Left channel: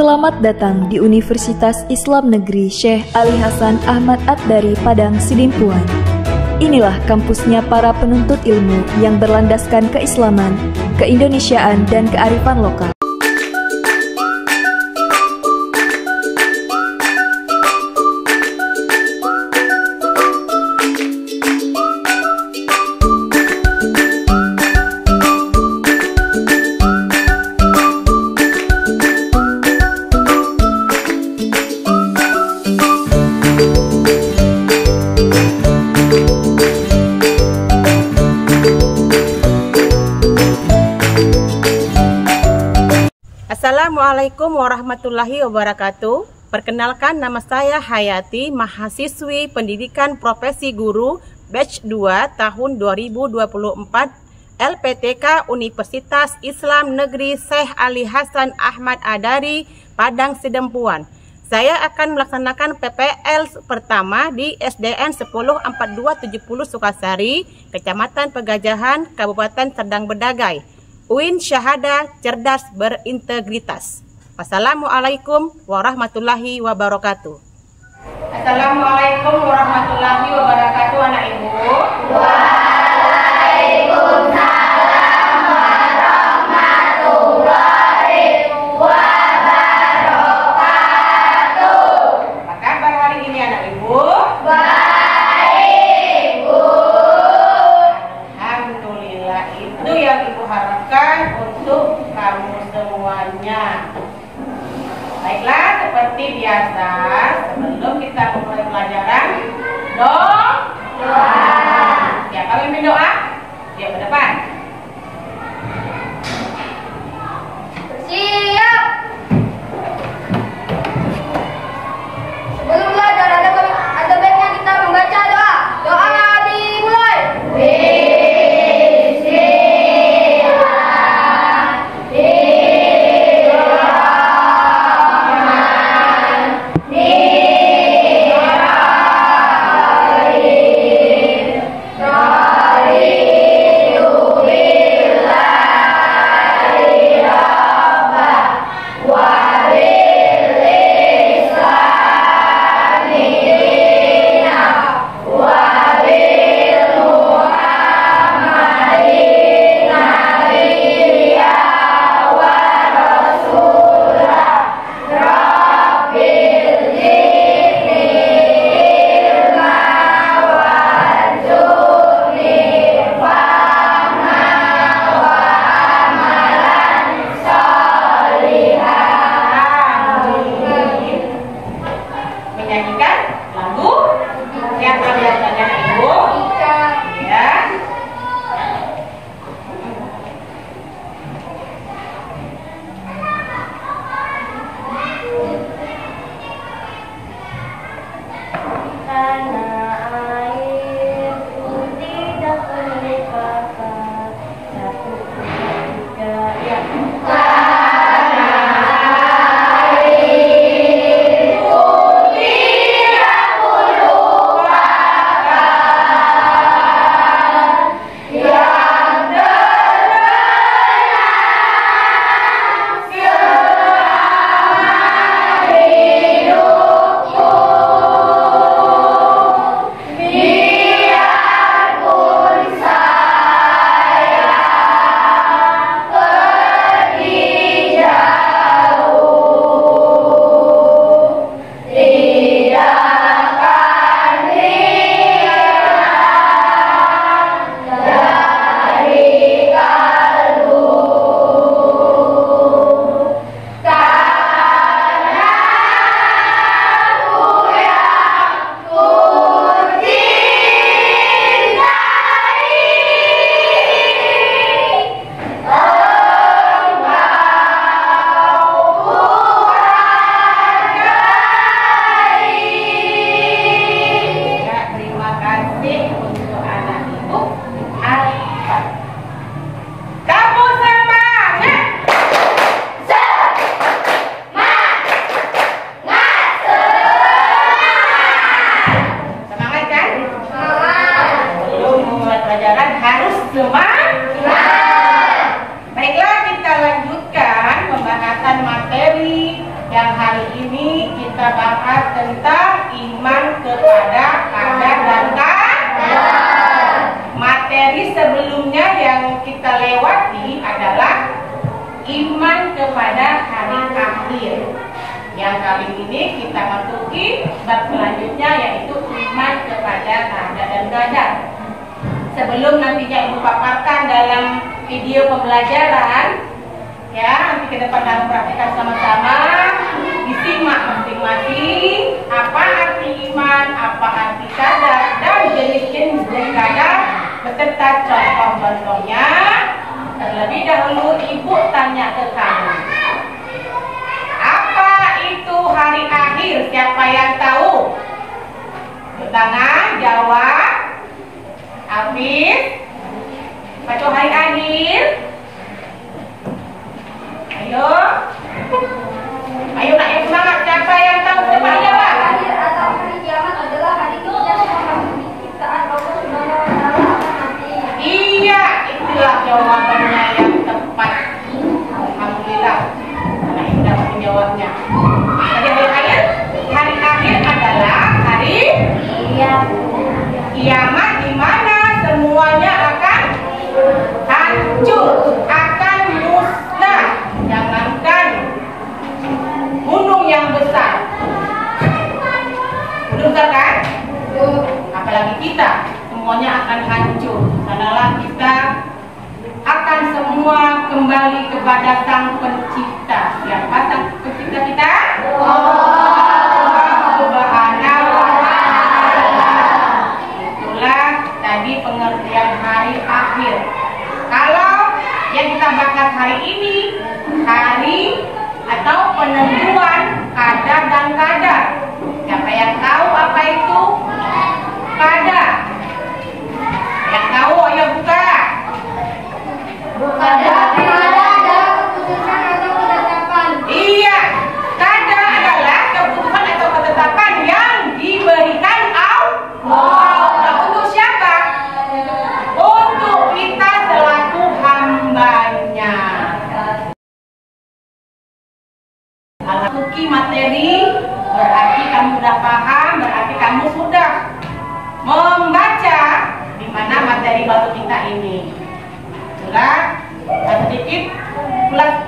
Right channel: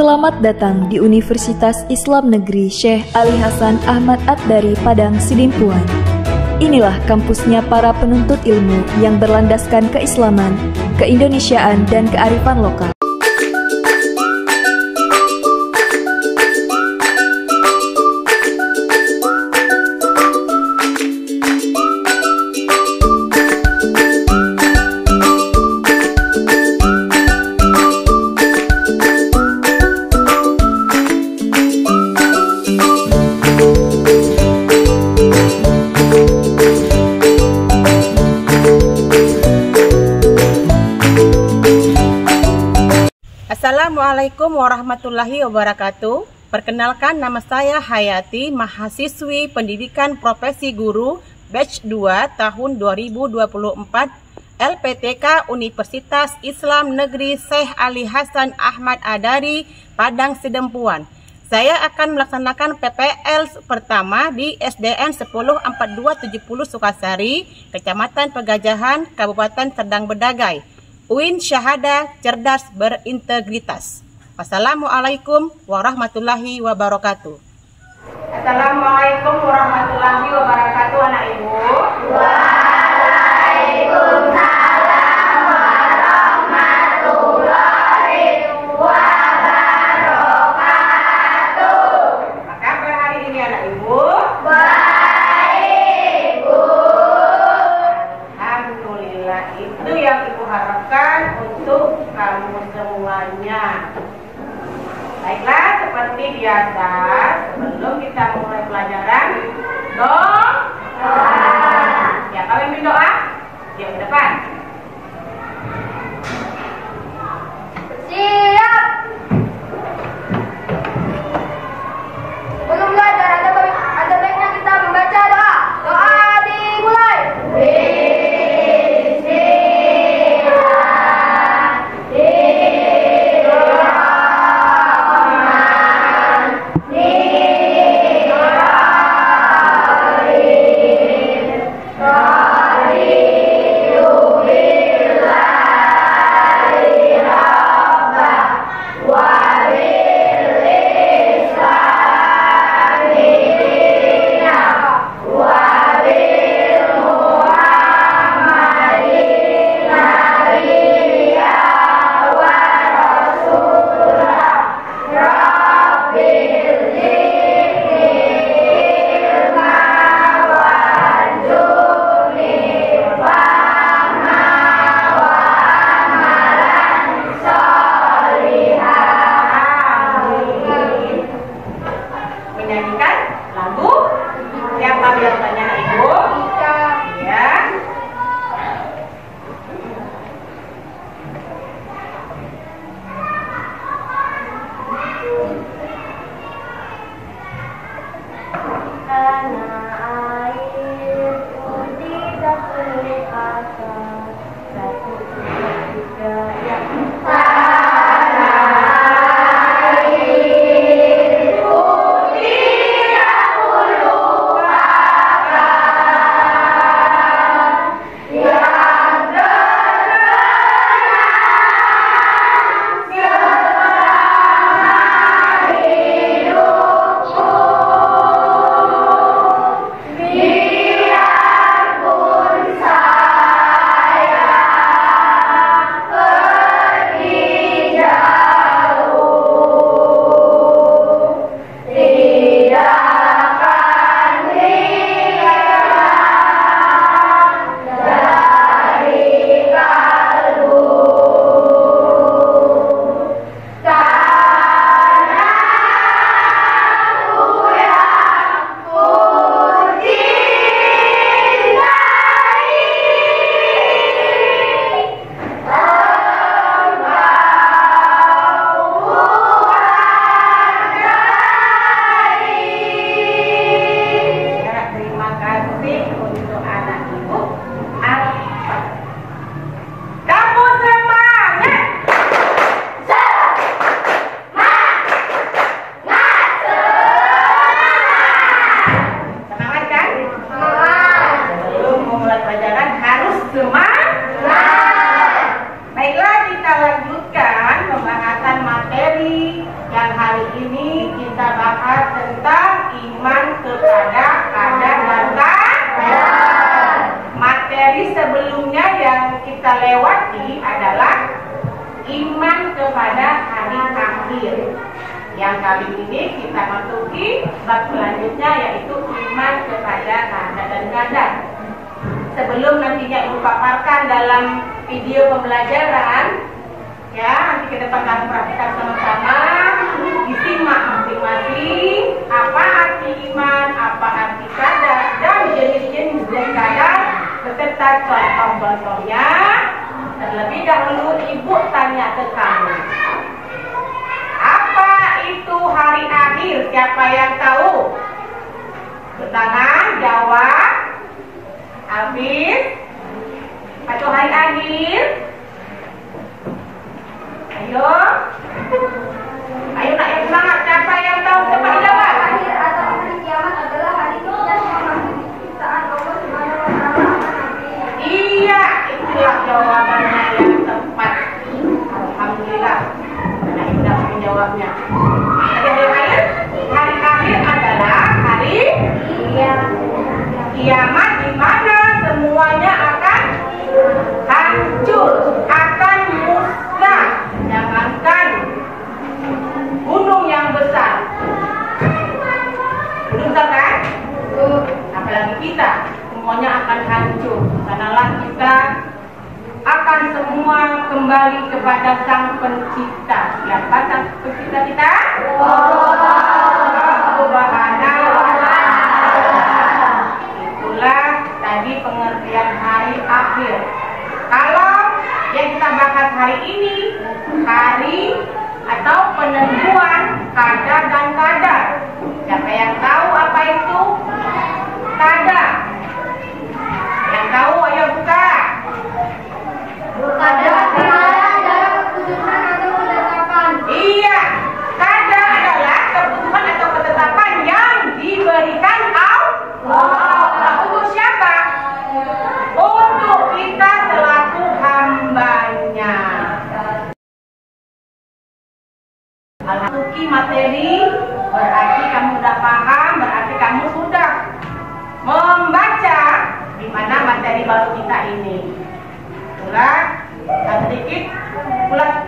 Selamat datang di Universitas Islam Negeri Syekh Ali Hasan Ahmad Ad-Dari Padang Sidimpuan. Inilah kampusnya para penuntut ilmu yang berlandaskan keislaman, keindonesiaan, dan kearifan lokal. Assalamualaikum warahmatullahi wabarakatuh. Perkenalkan, nama saya Hayati, mahasiswi Pendidikan Profesi Guru Batch 2 tahun 2024 LPTK Universitas Islam Negeri Syekh Ali Hasan Ahmad Ad-Dari Padang Sidimpuan. Saya akan melaksanakan PPL pertama di SDN 104270 Sukasari, Kecamatan Pegajahan, Kabupaten Serdang Bedagai. UIN Syahada Cerdas Berintegritas. Wassalamualaikum warahmatullahi wabarakatuh. Assalamualaikum warahmatullahi wabarakatuh, anak ibu. Waalaikumsalam warahmatullahi wabarakatuh. Apa kabar hari ini, anak ibu? Baik, Bu. Alhamdulillah, itu yang ibu harapkan untuk kamu semuanya. Baiklah, seperti biasa, sebelum kita memulai pelajaran, doa. Siapa yang mimpin doa? Dia ke depan. Siap. Sebelum belajar ada baiknya kita membaca doa. Doa dimulai. materi yang hari ini kita bahas tentang iman kepada qadar dan qadar. Materi sebelumnya yang kita lewati adalah iman kepada hari akhir. Yang kali ini kita masuki bab selanjutnya, yaitu iman kepada qadar dan qadar. Sebelum nantinya Ibu paparkan dalam video pembelajaran, ya, nanti kita akan praktikkan sama-sama, disimak masing-masing apa arti iman, apa arti qadar, dan jenis-jenis dari qadar beserta contoh-contohnya. Terlebih dahulu Ibu tanya ke kamu, apa itu hari akhir? Siapa yang tahu? Tangan, jawab. Hafiz, apa itu hari akhir? Ayo, ayo nak yang semangat. Siapa yang tahu? Cepat jawab. Akhir atau hari kiamat adalah hari kita memasuki ciptaan Allah Subhanahu wa taala nanti. Iya, itulah jawabannya yang tepat. Alhamdulillah. Nah, ini dapat menjawabnya. Jadi hari akhir adalah hari kiamat, di mana semuanya akan hancur, akan musnah. Jangankan gunung yang besar, gunung besar kan? Apalagi kita, semuanya akan hancur. Sanalah kita akan semua kembali kepada Sang Pencipta. Siapa Sang Pencipta kita? Allah Subhanahu wa Ta'ala. Itulah tadi pengertian hari akhir. Kalau yang kita bahas hari ini, hari atau penentuan qadar dan qadar. Siapa yang tahu apa itu qadar? Yang tahu ayo buka. Qadar adalah keputusan atau ketetapan. Iya, qadar adalah keputusan atau ketetapan yang diberikan Allah. Nah, untuk siapa? Untuk kita selaku hambanya. Masuki materi berarti kamu sudah paham, berarti kamu sudah membaca di mana materi baru kita ini. Itulah sedikit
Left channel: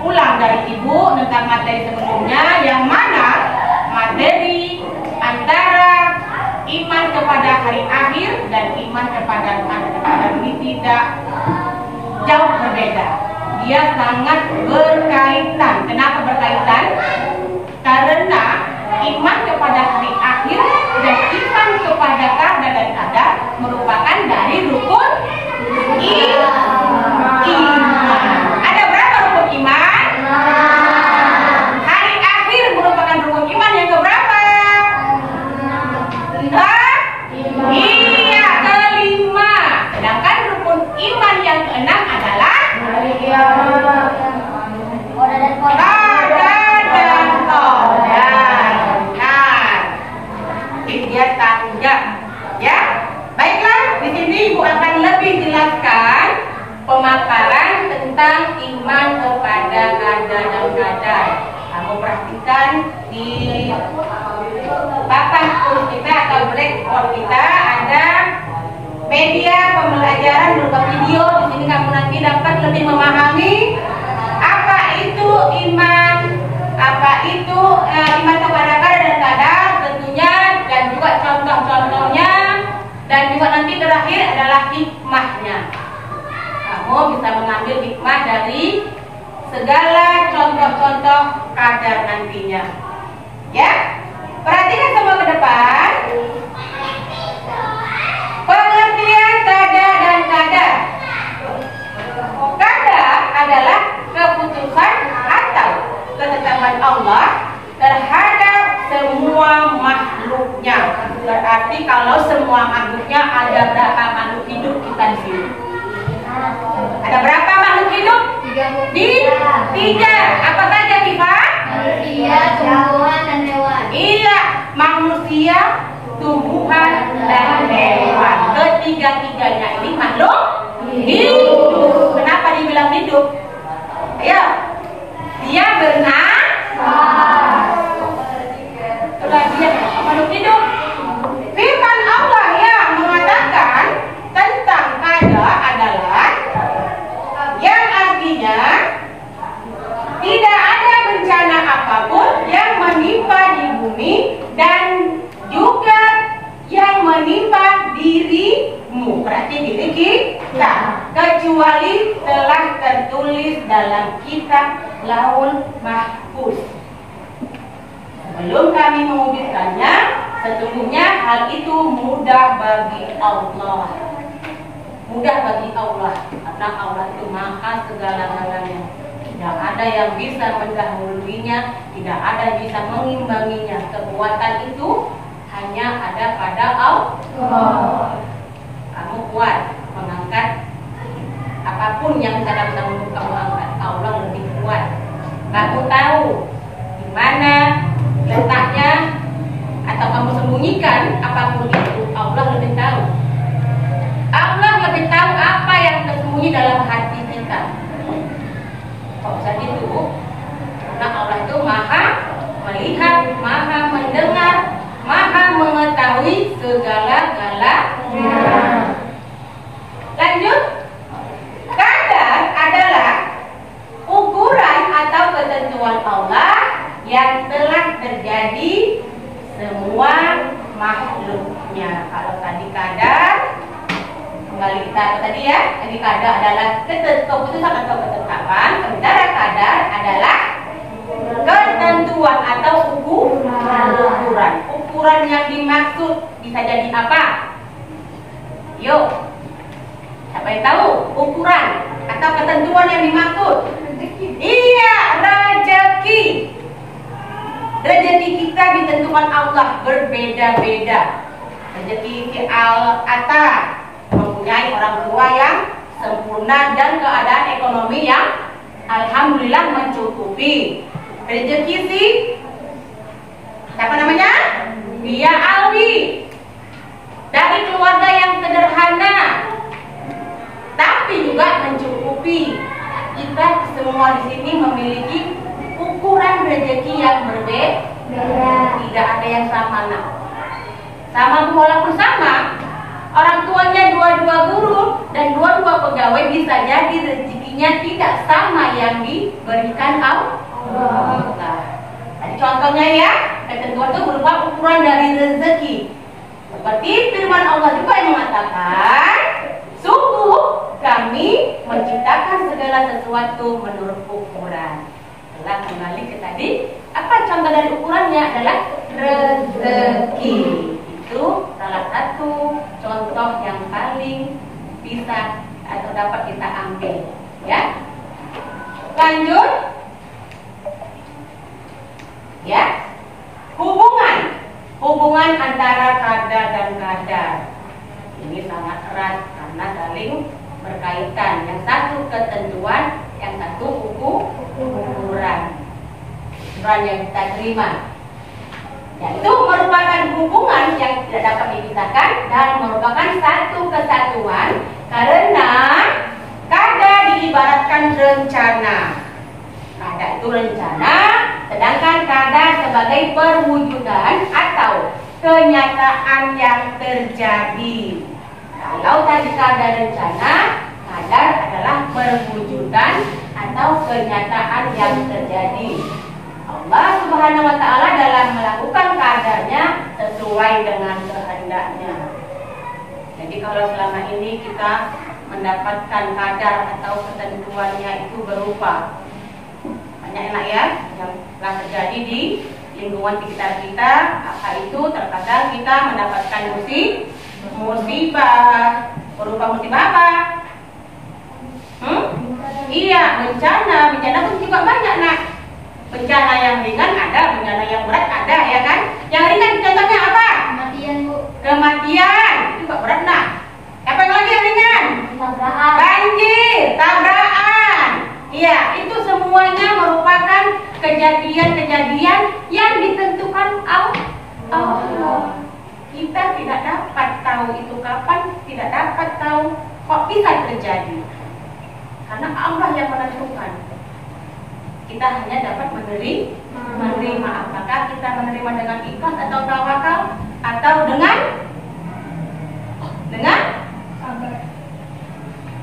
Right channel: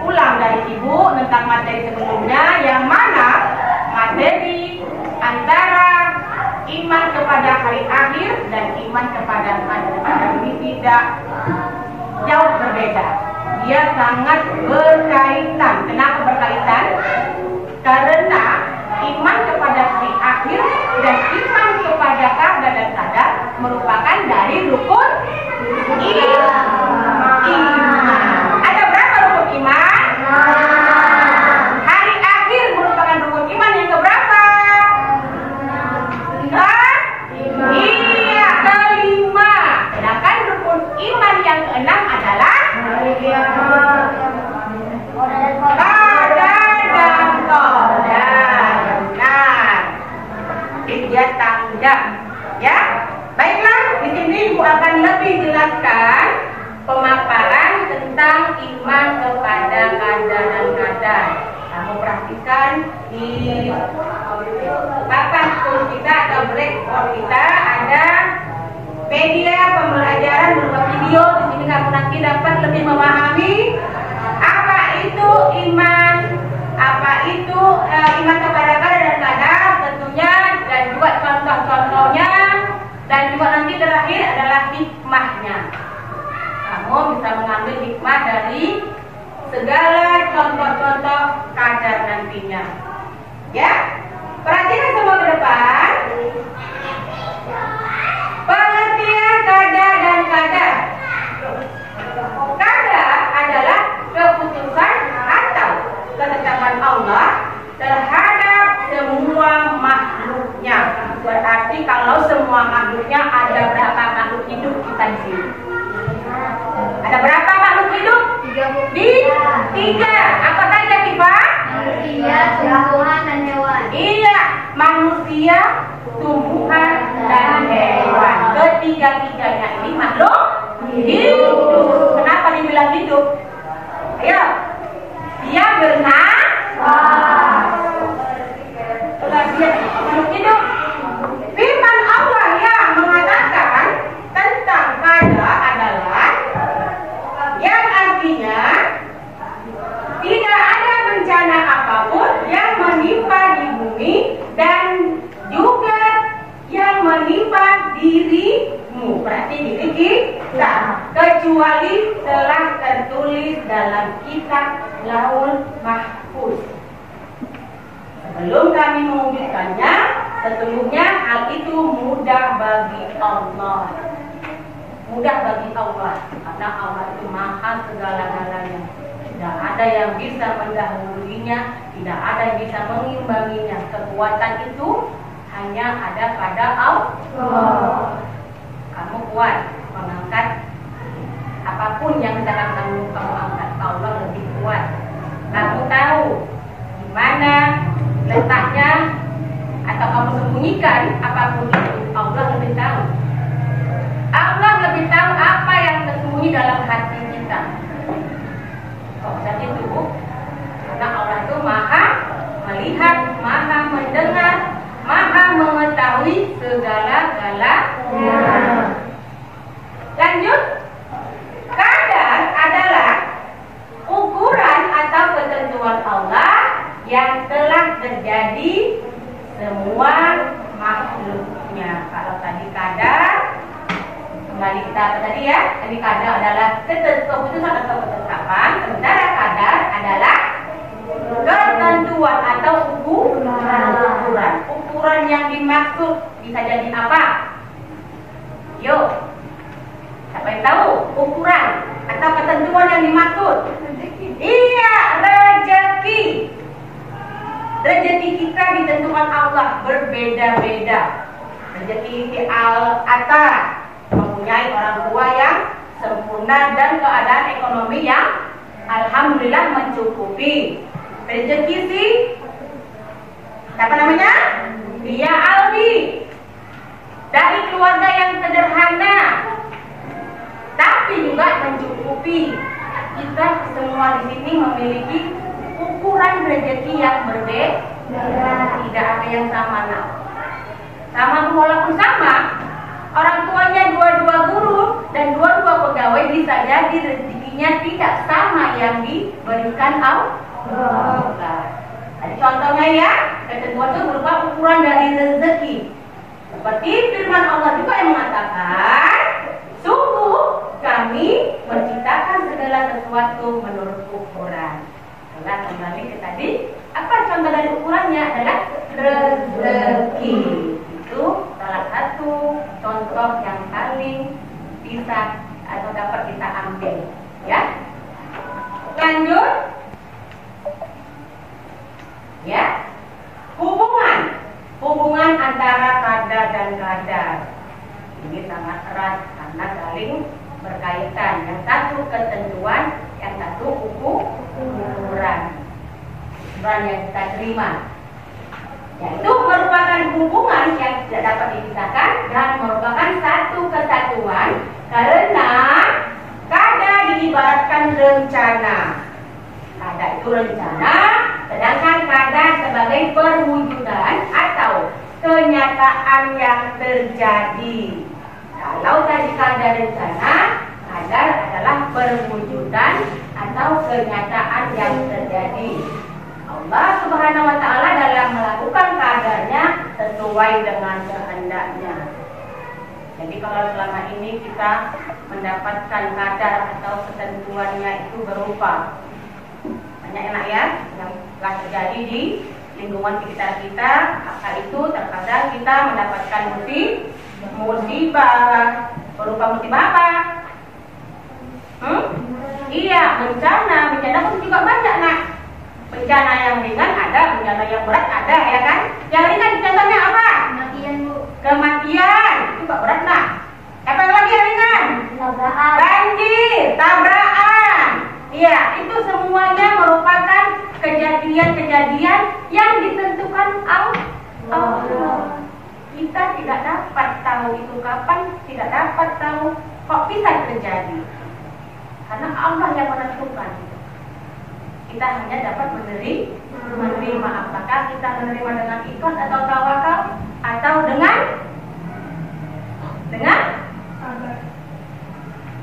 ulang dari Ibu tentang materi sebelumnya, yang mana materi antara iman kepada hari akhir dan iman kepada qadar ini tidak jauh berbeda. Dia sangat berkaitan. Kenapa berkaitan? Karena iman kepada hari akhir dan iman kepada qadar dan qadar merupakan dari rukun iman. Ada berapa rukun iman? Hari akhir merupakan rukun iman yang keberapa? Iya, kelima. Sedangkan rukun iman yang keenam adalah qadar dan qadar. Nah, dia tanggap, ya. Baiklah, di sini Ibu akan lebih jelaskan pemaparan tentang iman kepada qadar dan qadar. Kamu perhatikan di papan tulis kita atau blackboard kita ada media pembelajaran berupa video. Di sini kamu nanti dapat lebih memahami apa itu iman, apa itu iman kepada qadar dan qadar tentunya, dan juga contoh-contohnya, dan juga nanti terakhir adalah hikmahnya. Kamu bisa mengambil hikmah dari segala contoh-contoh qadar nantinya. Ya, perhatikan semua ke depan. Pengertian qadar dan qadar. Qadar adalah keputusan atau ketetapan Allah terhadap semua makhluknya. Berarti kalau semua makhluknya, ada berapa makhluk hidup kita di sini? Ada berapa makhluk hidup? Tiga. Apa saja, Tifa? Manusia, tumbuhan, dan hewan. Iya, manusia, tumbuhan, dan hewan. Ketiga-tiganya ini makhluk hidup. Kenapa dibilang hidup? Ayo, dia bernafas. hati diri kita, kecuali telah tertulis dalam kitab Lauhul Mahfuz. Sebelum kami mewujudkannya, sesungguhnya hal itu mudah bagi Allah. Mudah bagi Allah, karena Allah itu maha segala-galanya. Tidak ada yang bisa mendahuluinya, tidak ada yang bisa mengimbanginya. Kekuatan itu hanya ada pada Allah. Kamu kuat mengangkat apapun yang sedang kamu angkat, Allah lebih kuat. Kamu tahu di mana letaknya atau kamu sembunyikan apapun itu, Allah lebih tahu. Allah lebih tahu apa yang tersembunyi dalam hati kita. Kok bisa gitu? Karena Allah itu maha melihat, maha mendengar, maha mengetahui segala-galanya. Lanjut. Kadar adalah ukuran atau ketentuan Allah yang telah terjadi semua makhluknya. Kalau tadi kadar, kembali kita tadi ya, tadi kadar adalah keputusan atau ketetapan, sementara kadar adalah ketentuan atau ukuran. Ukuran yang dimaksud bisa jadi apa? Yuk, siapa yang tahu ukuran atau ketentuan yang dimaksud? Iya, rezeki. Rezeki kita ditentukan Allah berbeda-beda. Rezeki al-ata, mempunyai orang tua yang sempurna dan keadaan ekonomi yang alhamdulillah mencukupi. Rezeki si siapa namanya? Dia Aldi, dari keluarga yang sederhana tapi juga mencukupi. Kita semua di sini memiliki ukuran rezeki yang berbeda. Tidak ada yang sama, nak. Sama walaupun sama, orang tuanya dua-dua guru dan dua-dua pegawai, bisa jadi rezekinya tidak sama yang diberikan Allah. Jadi contohnya ya, ketentuan itu berupa ukuran dari rezeki. Seperti firman Allah juga yang mengatakan, sungguh kami menciptakan segala sesuatu menurut ukuran. Setelah kembali ke tadi, apa contoh dari ukurannya adalah rezeki. Itu salah satu contoh yang paling bisa atau dapat kita ambil, ya. Lanjut, ya. Hubungan antara kadar dan kadar ini sangat erat karena saling berkaitan. Yang satu ketentuan, yang satu ukuran yang kita terima. Yaitu merupakan hubungan yang tidak dapat dipisahkan dan merupakan satu kesatuan, karena kadar diibaratkan rencana. Kadar itu rencana, sedangkan kadar sebagai perwujudan atau kenyataan yang terjadi. Kalau tadi kadar rencana, kadar adalah perwujudan atau kenyataan yang terjadi. Allah Subhanahu wa Ta'ala dalam melakukan kadarnya sesuai dengan kehendaknya. Jadi kalau selama ini kita mendapatkan kadar atau ketentuannya itu berupa banyak enak ya yang telah terjadi di lingkungan sekitar kita, apa itu terkadang kita mendapatkan musibah. Berupa musibah apa? Iya, bencana pun juga banyak, nak. Bencana yang ringan ada, bencana yang berat ada, ya kan? Yang ringan contohnya apa? Kematian, Bu. Kematian, itu gak berat, nak. Apa yang lagi yang ringan? Tabrakan. Banjir, tabrakan. Iya, itu semuanya merupakan kejadian-kejadian yang ditentukan Allah. Kita tidak dapat tahu itu kapan, tidak dapat tahu kok bisa terjadi. Karena Allah yang menentukan. Kita hanya dapat menerima. Apakah kita menerima dengan ikhlas atau tawakal, atau dengan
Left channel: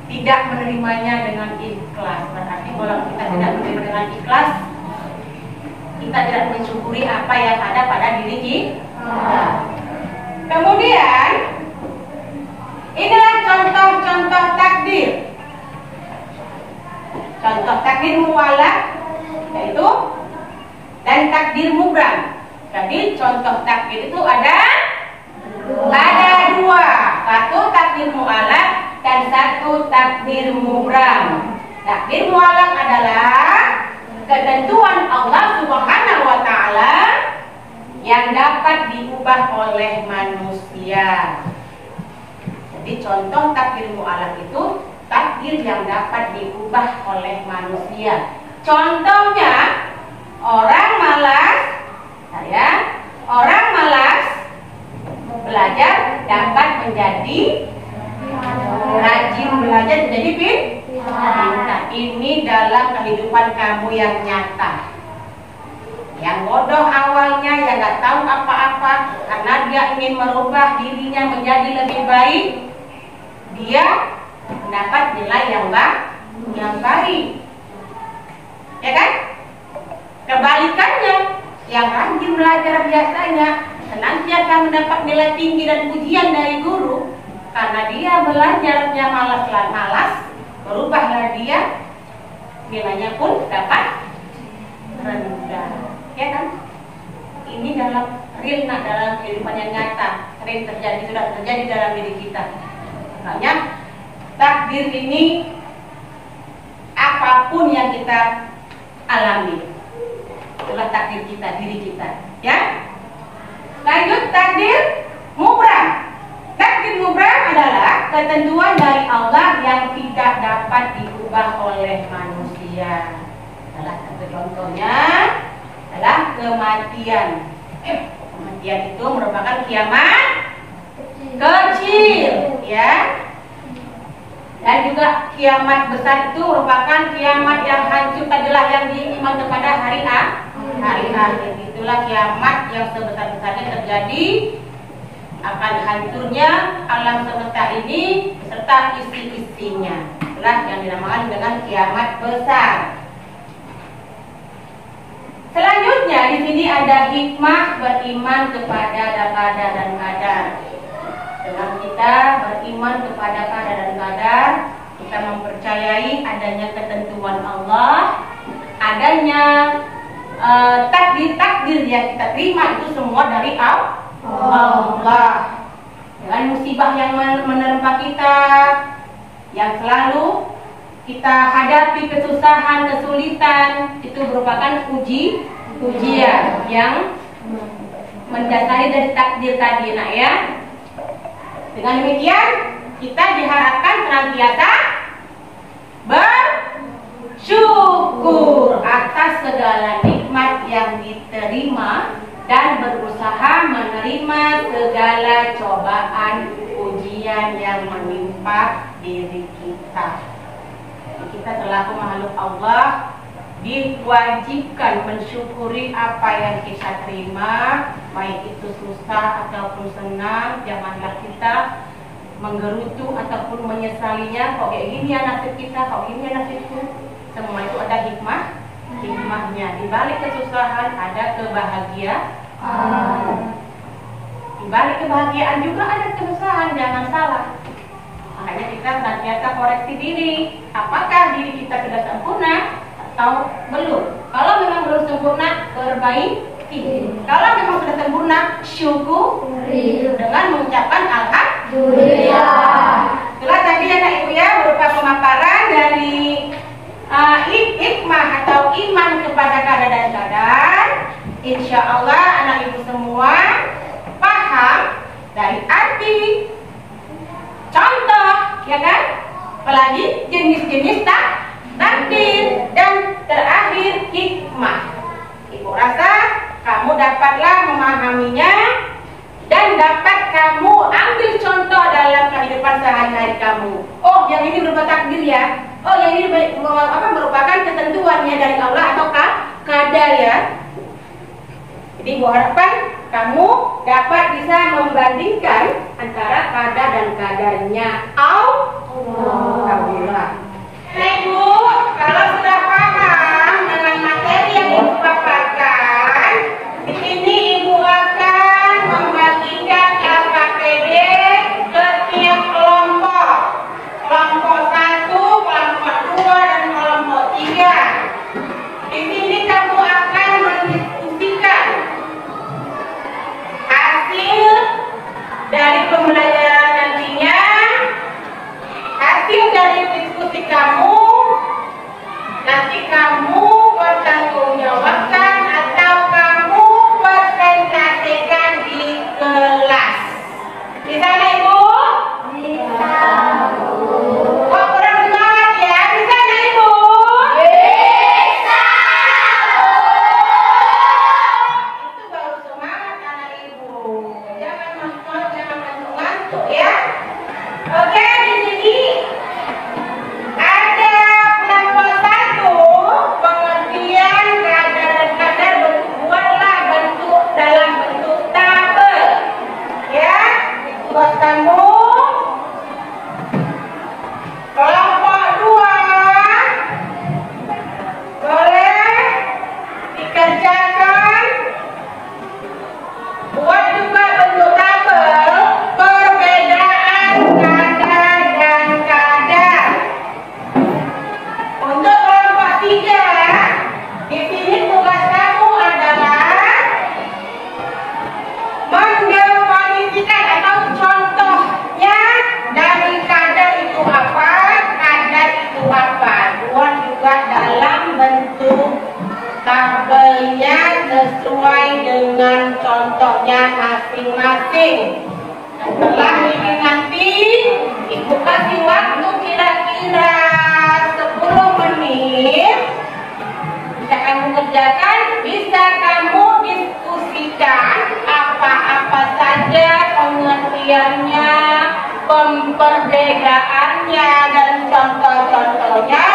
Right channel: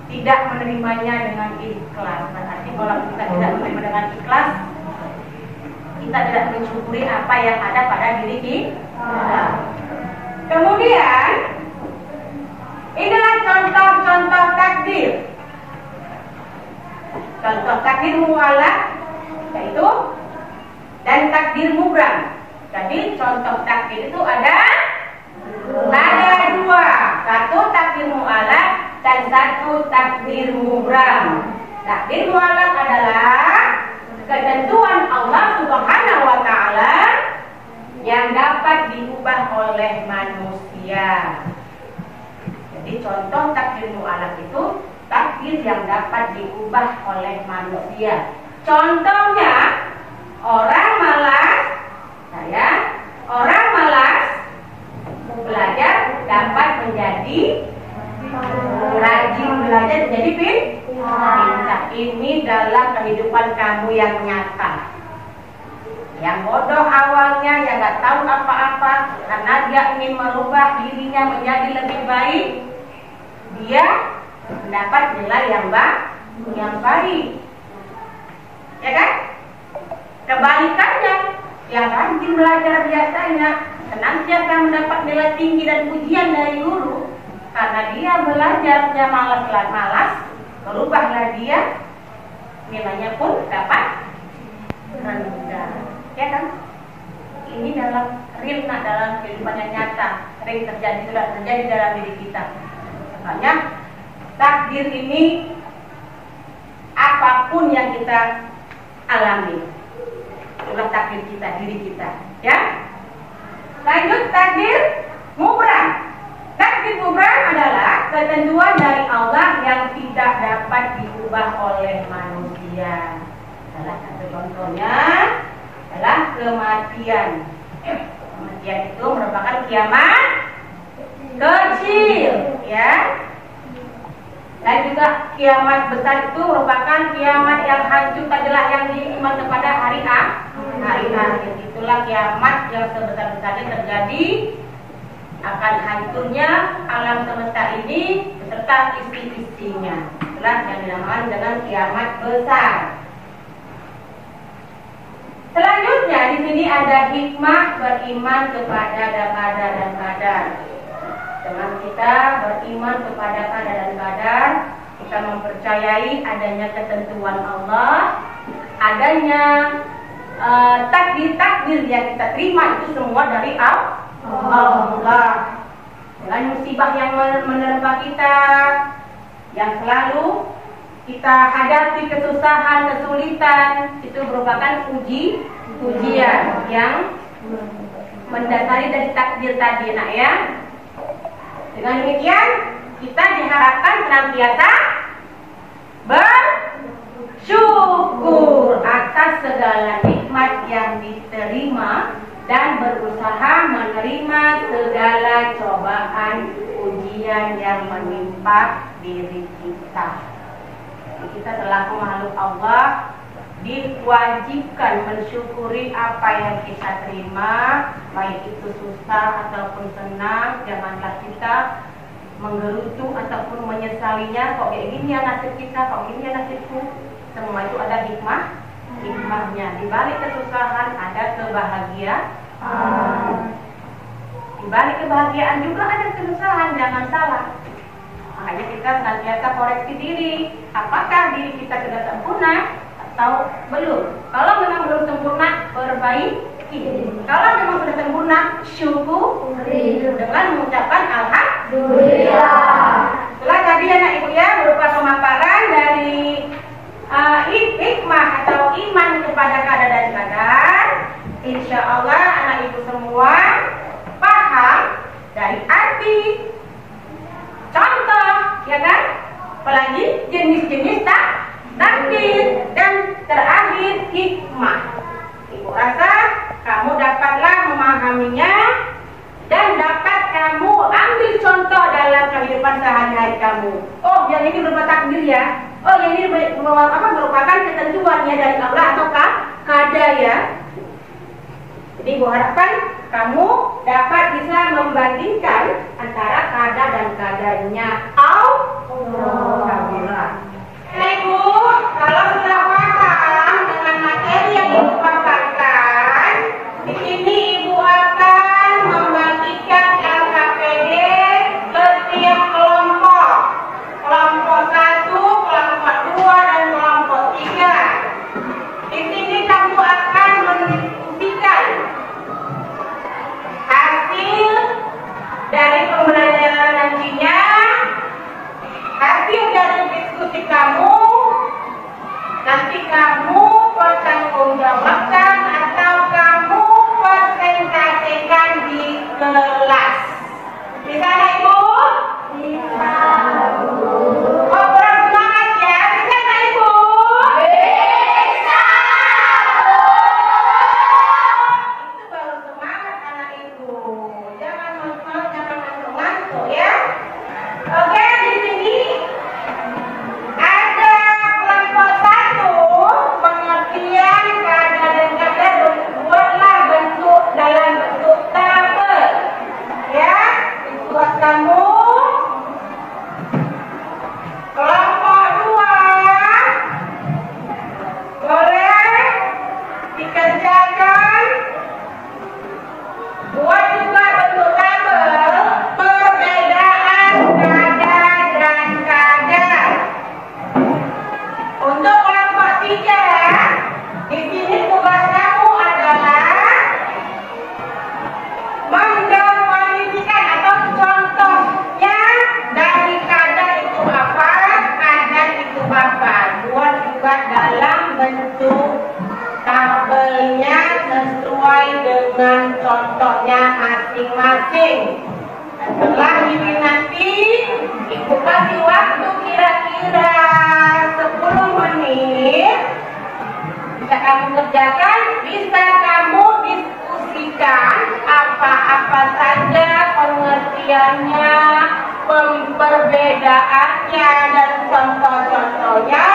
tidak menerimanya dengan ikhlas. Berarti kalau kita tidak menerima dengan ikhlas, kita tidak mensyukuri apa yang ada pada diri kita. Kemudian inilah contoh-contoh takdir. Contoh takdir mu'allaq yaitu dan takdir mubram. Jadi contoh takdir itu ada dua. Satu takdir mu'allaq dan satu takdir mubram. Takdir mu'allaq adalah ketentuan Allah Subhanahu wa taala yang dapat diubah oleh manusia. Jadi contoh takdir mu'allaq itu takdir yang dapat diubah oleh manusia. Contohnya orang malas belajar dapat menjadi rajin belajar, menjadi pintar. Ini dalam kehidupan kamu yang nyata. Yang bodoh awalnya, yang nggak tahu apa-apa, karena dia ingin merubah dirinya menjadi lebih baik, dia mendapat nilai yang baik, ya kan? Kebalikannya, yang rajin belajar biasanya senantiasa mendapat nilai tinggi dan pujian dari guru, karena dia belajarnya malas, berubahlah dia, nilainya pun dapat rendah, ya kan? Ini dalam dalam kehidupan yang nyata, sudah terjadi dalam diri kita. Makanya takdir ini apapun yang kita alami, itulah takdir kita, diri kita, ya. Lanjut takdir mubram. Takdir mubram adalah ketentuan dari Allah yang tidak dapat diubah oleh manusia. Salah satu contohnya adalah kematian. Kematian itu merupakan kiamat kecil, ya. Dan juga kiamat besar itu merupakan kiamat yang hancur adalah yang diiman kepada hari akhir. Itulah kiamat yang sebesar-besarnya terjadi, akan hancurnya alam semesta ini beserta isi-isinya. Itulah yang dinamakan dengan kiamat besar. Selanjutnya di sini ada hikmah beriman kepada qadar dan qadar. Dengan kita beriman kepada qadar dan qadar, kita mempercayai adanya ketentuan Allah, adanya takdir-takdir yang kita terima itu semua dari Allah. Dengan musibah yang menerpa kita, yang selalu kita hadapi kesusahan, kesulitan, itu merupakan ujian yang mendasari dari takdir tadi, nak, ya. Dengan demikian kita diharapkan senantiasa bersyukur atas segala nikmat yang diterima dan berusaha menerima segala cobaan ujian yang menimpa diri kita. Kita selaku makhluk Allah diwajibkan mensyukuri apa yang kita terima, baik itu susah ataupun senang. Janganlah kita menggerutu ataupun menyesalinya, kok kayak gini ya nasib kita, kok gini ya nasibku. Semua itu ada hikmahnya. Di balik kesusahan ada kebahagiaan. Di balik kebahagiaan juga ada kesusahan, jangan salah. Makanya kita senantiasa koreksi diri, apakah diri kita sudah sempurna atau belum. Kalau memang belum sempurna, perbaiki. Kalau memang sudah sempurna, syukuri dengan mengucapkan alhamdulillah. Setelah tadi anak ibu ya berupa pemaparan dari hikmah atau iman kepada qadar dan qadar. Insya Allah anak ibu semua paham dari arti, contoh, ya kan? Apalagi jenis-jenis takdir dan terakhir hikmah. Ibu rasa kamu dapatlah memahaminya dan dapat kamu ambil contoh dalam kehidupan sehari-hari kamu. Oh, yang ini berupa takdir ya. Oh, yang ini merupakan ketentuannya dari Allah atau qadar ya. Jadi ibu harapkan kamu dapat bisa membandingkan antara qadar dan qadarnya. Alhamdulillah. Ibu, kalau sudah paham dengan materi yang ibu paparkan, di sini ibu akan membagikan LKPD ke tiap kelompok. sesuai dengan contohnya masing-masing. Setelah ini nanti Ibu kasih waktu kira-kira 10 menit. Bisa kamu kerjakan, bisa kamu diskusikan apa-apa saja pengertiannya, perbedaannya, dan contoh-contohnya.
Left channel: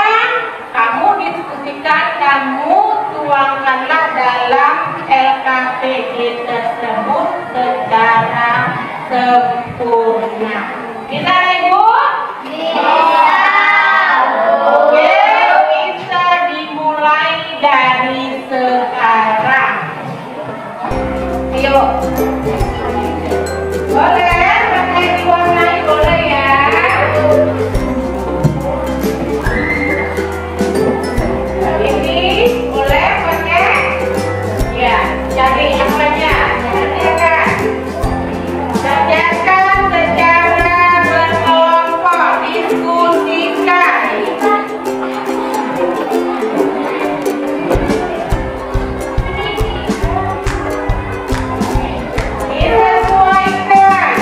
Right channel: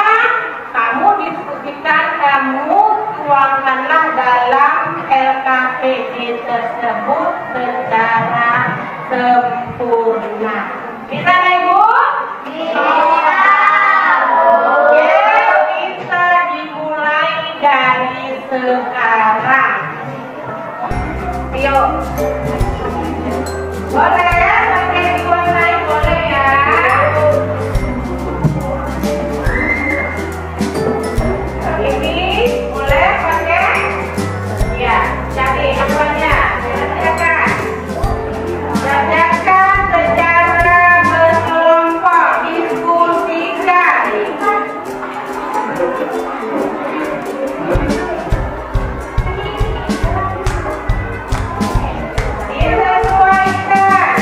Kamu diskusikan, kamu tuangkanlah dalam LKPD tersebut secara sempurna. Bisa, Ibu? Bisa. Oke, bisa dimulai dari sekarang. Yuk. Boleh ya, pakai diwarnai, boleh ya. Ini boleh pakai? Ya, cari apanya? Kerjakan. Kerjakan secara berkelompok, diskusikan. Disesuaikan.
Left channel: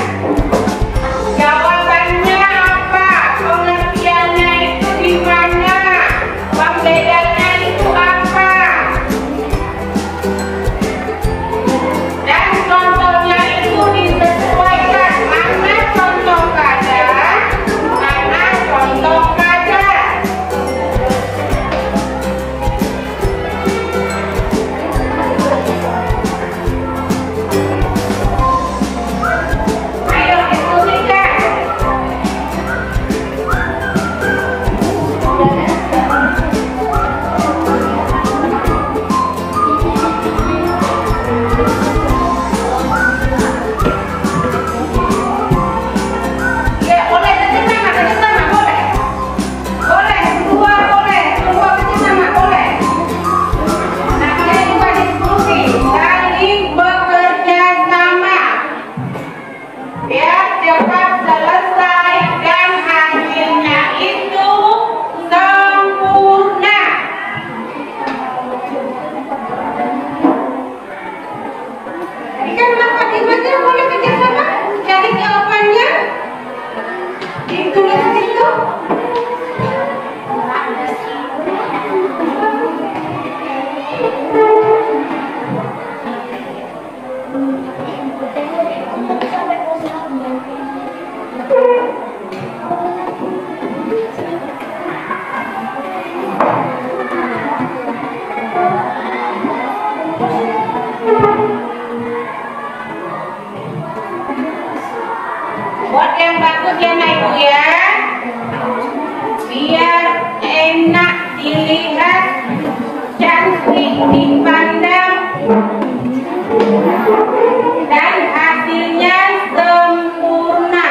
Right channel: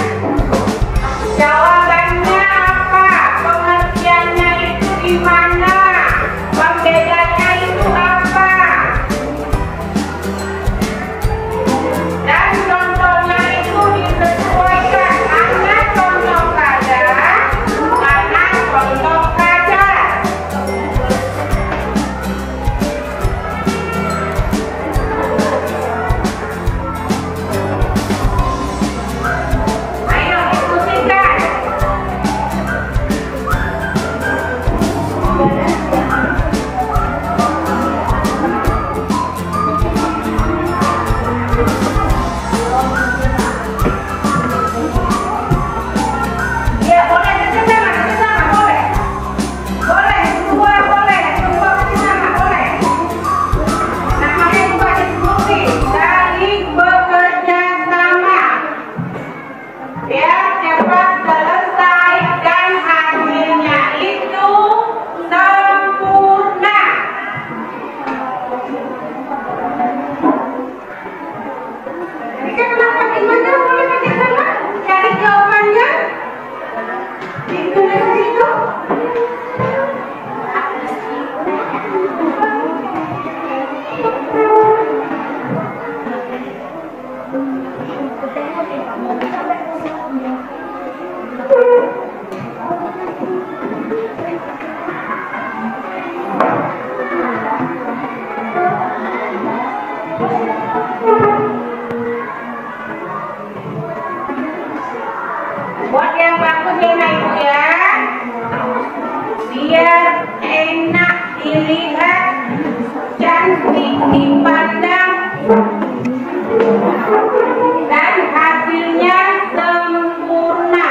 Jawabannya apa? Pengertiannya itu di mana? Pembedanya itu apa? Dan contohnya itu disesuaikan. Mana contoh kada? Mana contoh kada? Ayo diskusikan. Ya boleh kerjasama boleh. Boleh, semua boleh, semua kerjasama boleh. Namanya juga diskusi, saling bekerja sama. Biar cepat selesai dan hasilnya itu sempurna. Jadi kan dapat gimana boleh kerjasama, cari jawabannya, ditulis itu. Buat yang bagus ya, Nak Ibu ya, biar enak dilihat, cantik dipandang, dan hasilnya sempurna.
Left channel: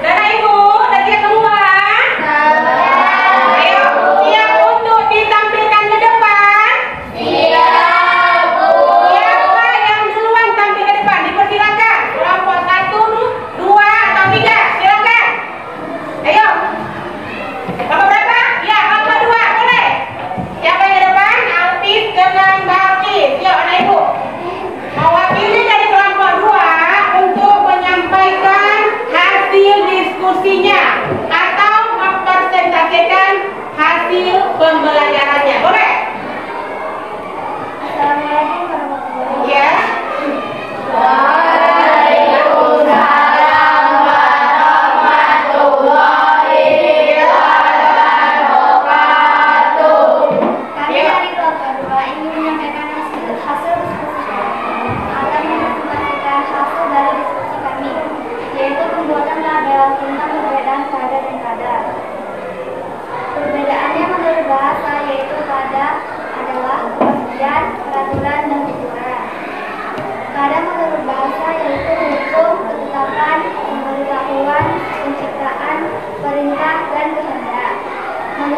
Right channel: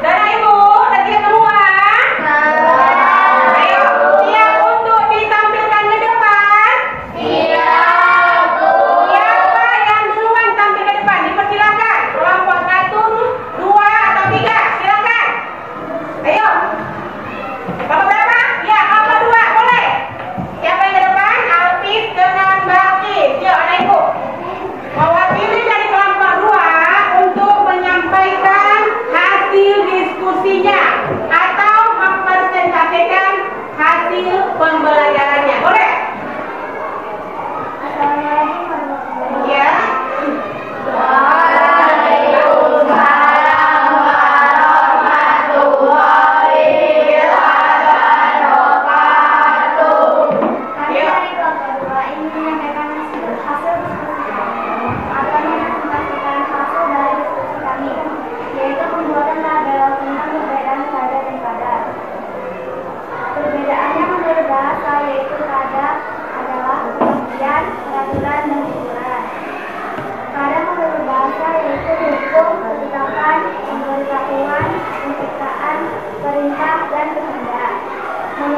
Dan Ibu, lagi semua? Ayo, siap untuk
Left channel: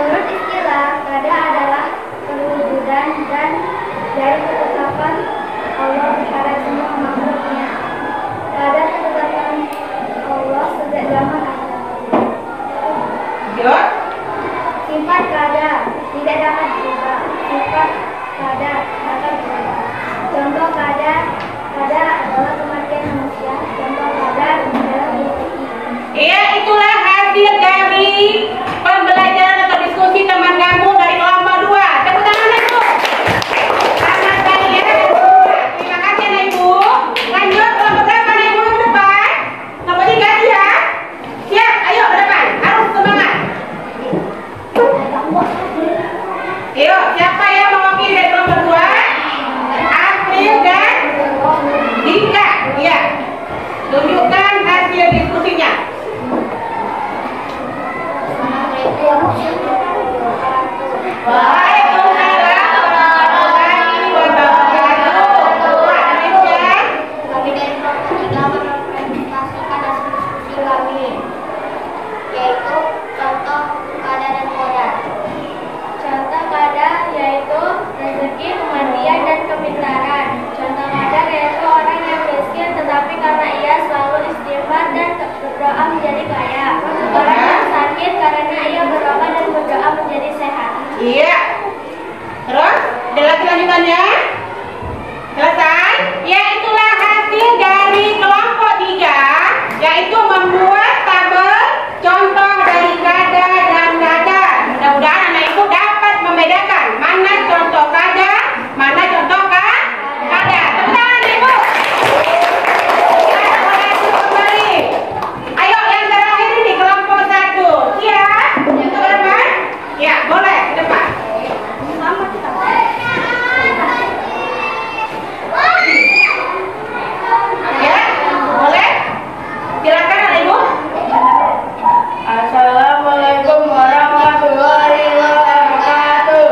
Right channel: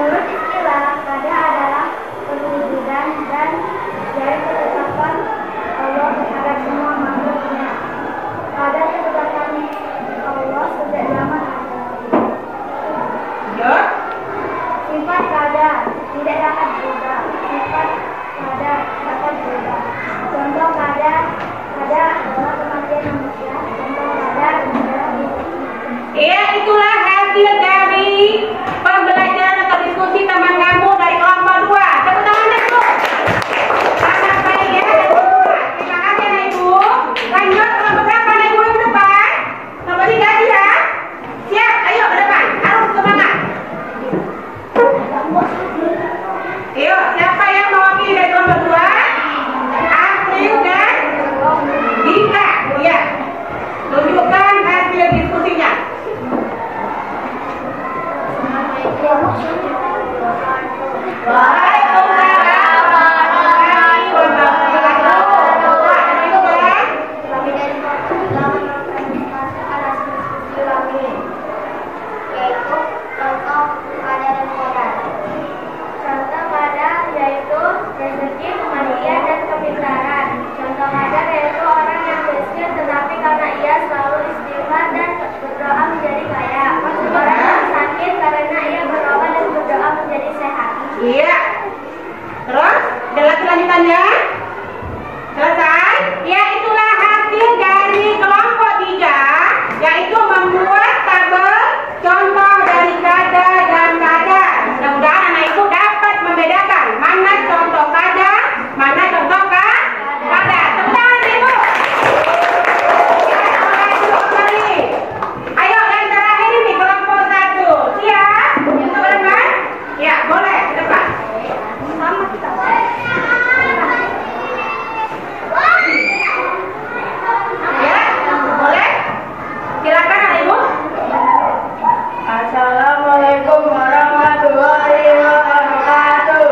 Menurut istilah, kada adalah perwujudan dan dari ketetapan Allah terhadap semua makhluknya. Kada ketetapan Allah sejak zaman Adam. Lanjut. Sifat kada tidak dapat berubah. Sifat kada dapat berubah. Contoh kada adalah kematian manusia. Contoh kada adalah rezeki. Ya, itulah hasil dari pembelajaran atau diskusi teman kamu dari kelompok 2. Tepuk tangan Ibu. Selamat sekali ya. Terima kasih Anak Ibu. Lanjut kelompok berapa Anak Ibu yang depan? Kelompok 3 ya. Siap, ayo ke depan. Harus semangat. Ayo, siapa yang mewakili dari kelompok 2? April dan Dika. Iya. Tunjukkan hasil diskusinya. Waalaikumsalam warahmatullahi wabarakatuh. Kami dari kelompok 3 merepresentasikan hasil diskusi kami, yaitu contoh kada dan kodar. Contoh kada yaitu rezeki, kematian, dan kepintaran. Contoh kadar yaitu orang yang miskin tetapi karena ia selalu istighfar dan berdoa menjadi kaya. Orang yang sakit karena ia berdoa dan berdoa menjadi sehat. Iya. Terus, ada lagi lanjutannya? Selesai? Ya, itulah hasil dari kelompok 3, yaitu membuat tabel contoh dari kada dan kadar. Mudah-mudahan anak ibu dapat membedakan mana contoh kada, mana contoh kadar. Tepuk tangan ibu. Ya, mulai dulu kembali. Ayo yang terakhir ini kelompok 1. Siap? Yang berapa? Ya, boleh ke depan. Ya, boleh? Silakan Anak Ibu. Assalamualaikum warahmatullahi wabarakatuh.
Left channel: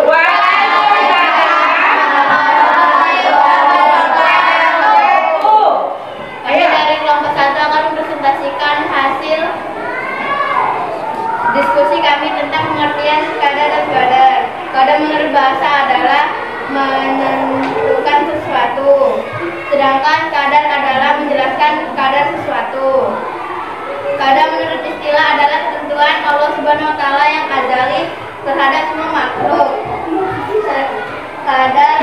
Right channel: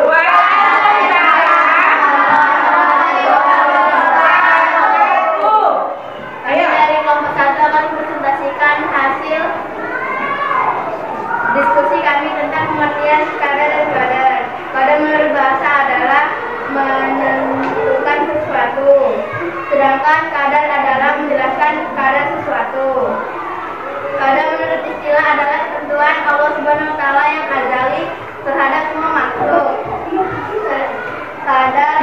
Kami dari kelompok 1 akan mempresentasikan hasil diskusi kami tentang pengertian kada dan kadar. Kada menurut bahasa adalah menentukan sesuatu, sedangkan kadar adalah menjelaskan kadar sesuatu. Kadar menurut istilah adalah ketentuan Allah Subhanahu wa taala yang azali terhadap semua makhluk. Kadar